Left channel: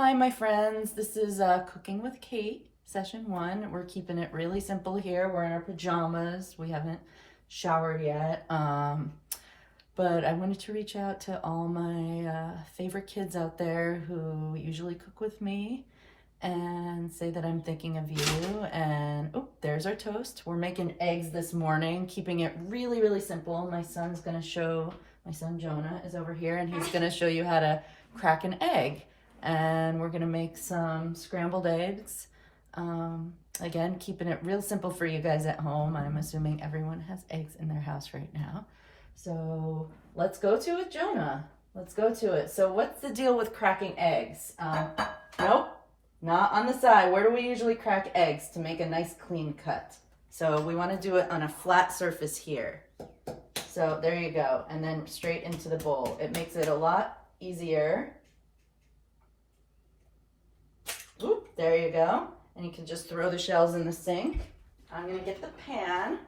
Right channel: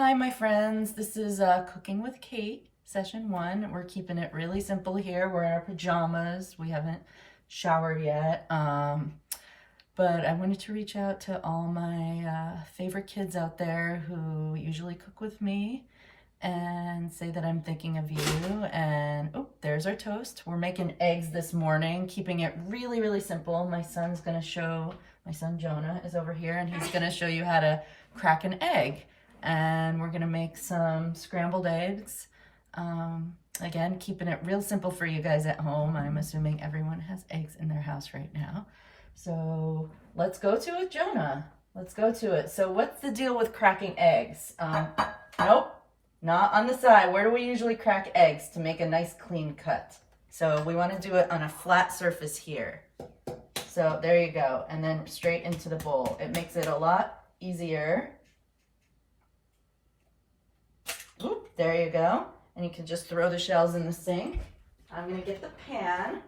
Hi, my friends. This is Cooking with Kate, session 1. We're keeping it really simple here. We're in our pajamas. We haven't showered yet. But I wanted to reach out to all my favorite kids out there who usually cook with me and say that I'm thinking of you. And oh, there's our toast. We're making eggs this morning, keeping it really, really simple. My son Jonah is over here, and he's gonna show you how to crack an egg. And we're gonna make some scrambled eggs. Again, keeping it real simple for you guys at home. I'm assuming everyone has eggs in their house right now. So let's go to it, Jonah. Let's go to it. So what's the deal with cracking eggs? Nope, not on the side. Where do we usually crack eggs to make a nice clean cut? So we wanna do it on a flat surface here. So there you go, and then straight into the bowl. It makes it a lot easier. Oop, there you go. And you can just throw the shells in the sink. I'm gonna get the pan.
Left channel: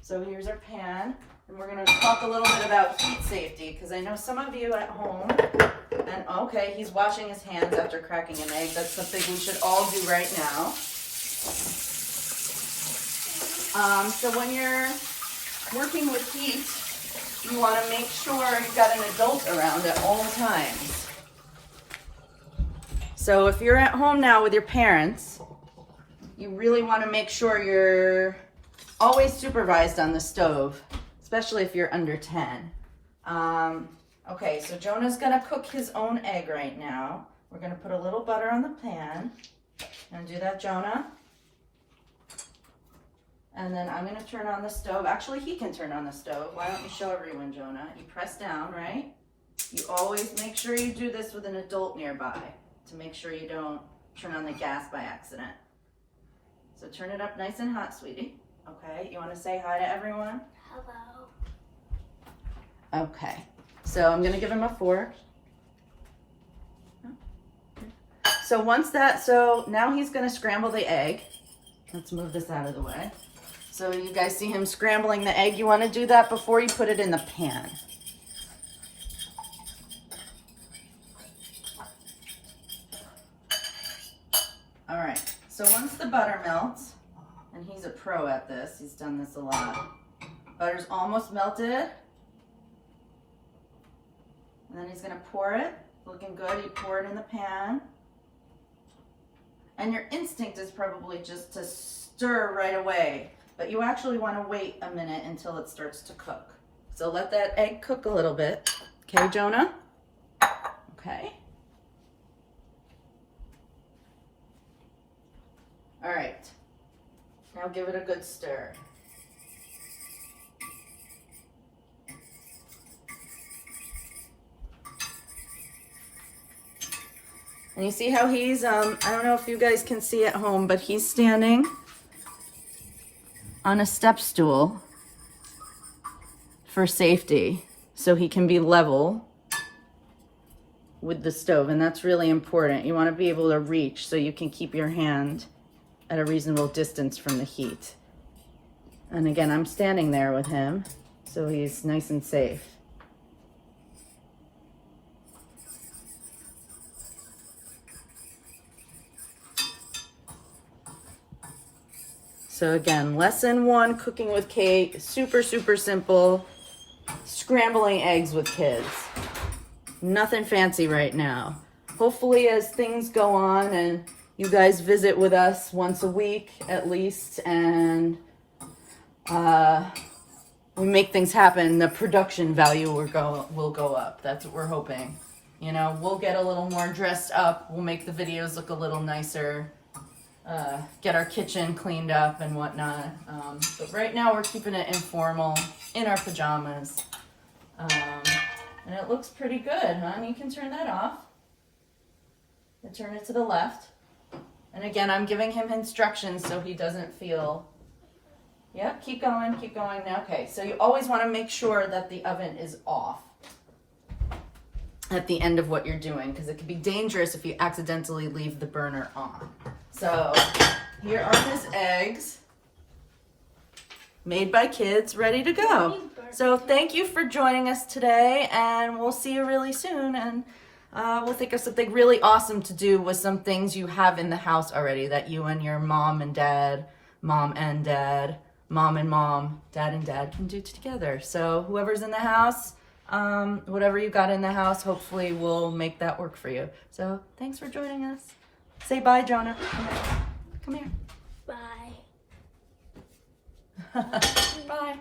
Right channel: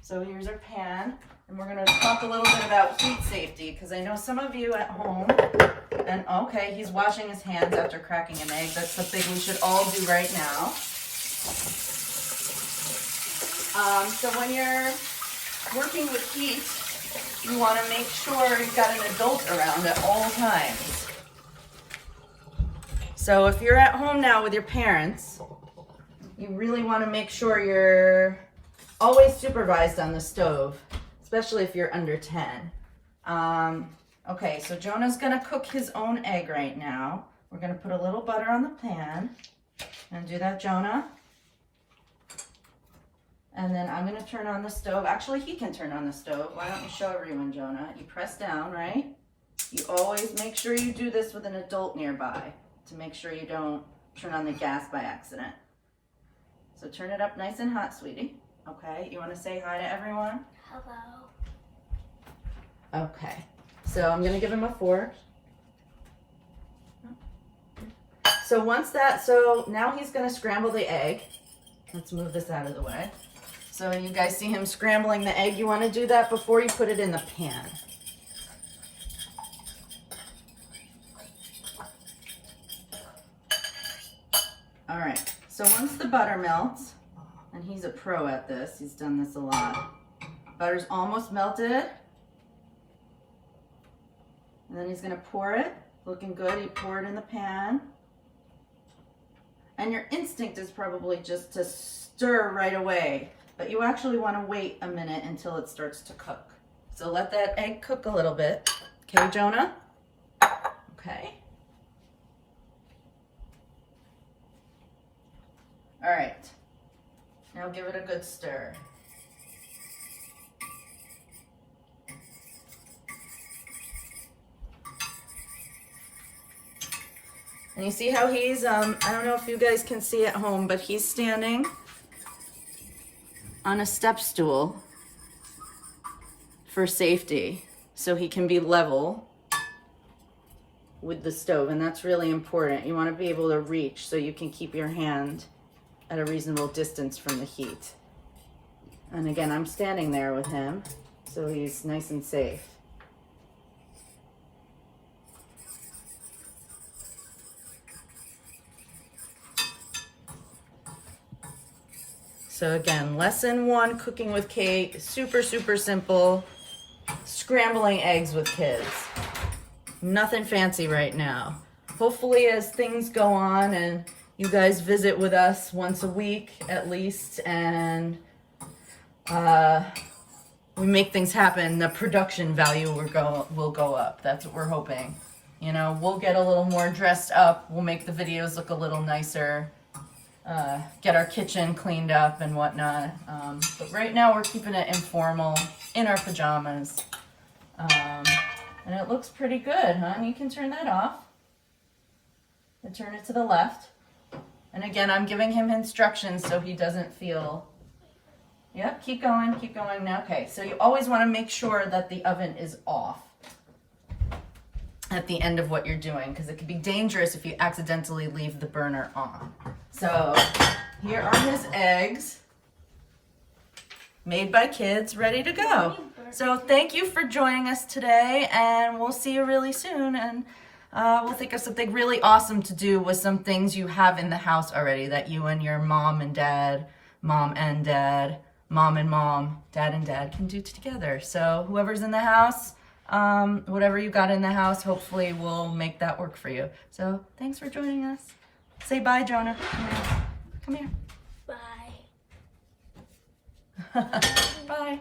So here's our pan. And we're gonna talk a little bit about heat safety, because I know some of you at home, and okay, he's washing his hands after cracking an egg. That's something we should all do right now. So when you're working with heat, you wanna make sure you've got an adult around at all times. So if you're at home now with your parents, you really want to make sure you're always supervised on the stove, especially if you're under 10. Okay, so Jonah's going to cook his own egg right now. We're going to put a little butter on the pan. Gonna do that, Jonah. And then I'm going to turn on the stove. Actually, he can turn on the stove. Why don't you show everyone, Jonah? You press down, right? You always make sure you do this with an adult nearby, to make sure you don't turn on the gas by accident. So turn it up nice and hot, sweetie. Okay, you want to say hi to everyone? Hello. Okay, so I'm going to give him a fork. So so now he's going to scramble the egg. Let's move this out of the way. So you guys see him scrambling the egg. You want to do that before you put it in the pan. All right, so once the butter melts, and he's a pro at this, he's done this a lot. Butter's almost melted. And then he's gonna pour it, looking good. You pour it in the pan. And your instinct is probably just to stir right away, but you actually wanna wait a minute until it starts to cook. So let that egg cook a little bit. Okay, Jonah? Okay. All right, now give it a good stir. And you see how he's, I don't know if you guys can see at home, but he's standing on a step stool for safety, so he can be level with the stove, and that's really important. You want to be able to reach so you can keep your hand at a reasonable distance from the heat. And again, I'm standing there with him, so he's nice and safe. So again, lesson 1, cooking with Kate, super, super simple, scrambling eggs with kids. Nothing fancy right now. Hopefully as things go on and you guys visit with us once a week at least, and we make things happen, the production value will go up. That's what we're hoping. You know, we'll get a little more dressed up. We'll make the videos look a little nicer. Get our kitchen cleaned up and whatnot. But right now we're keeping it informal in our pajamas. And it looks pretty good, huh? You can turn that off. And turn it to the left. And again, I'm giving him instructions so he doesn't feel, yeah, keep going now. Okay, so you always want to make sure that the oven is off at the end of what you're doing, because it can be dangerous if you accidentally leave the burner on. So here are his eggs, made by kids, ready to go. So thank you for joining us today, and we'll see you really soon. And we'll think of something really awesome to do with some things you have in the house already that you and your mom and dad, mom and dad, mom and mom, dad and dad can do together. So whoever's in the house, whatever you got in the house, hopefully we'll make that work for you. So thanks for joining us. Say bye, Jonah. Come here. Bye. Bye.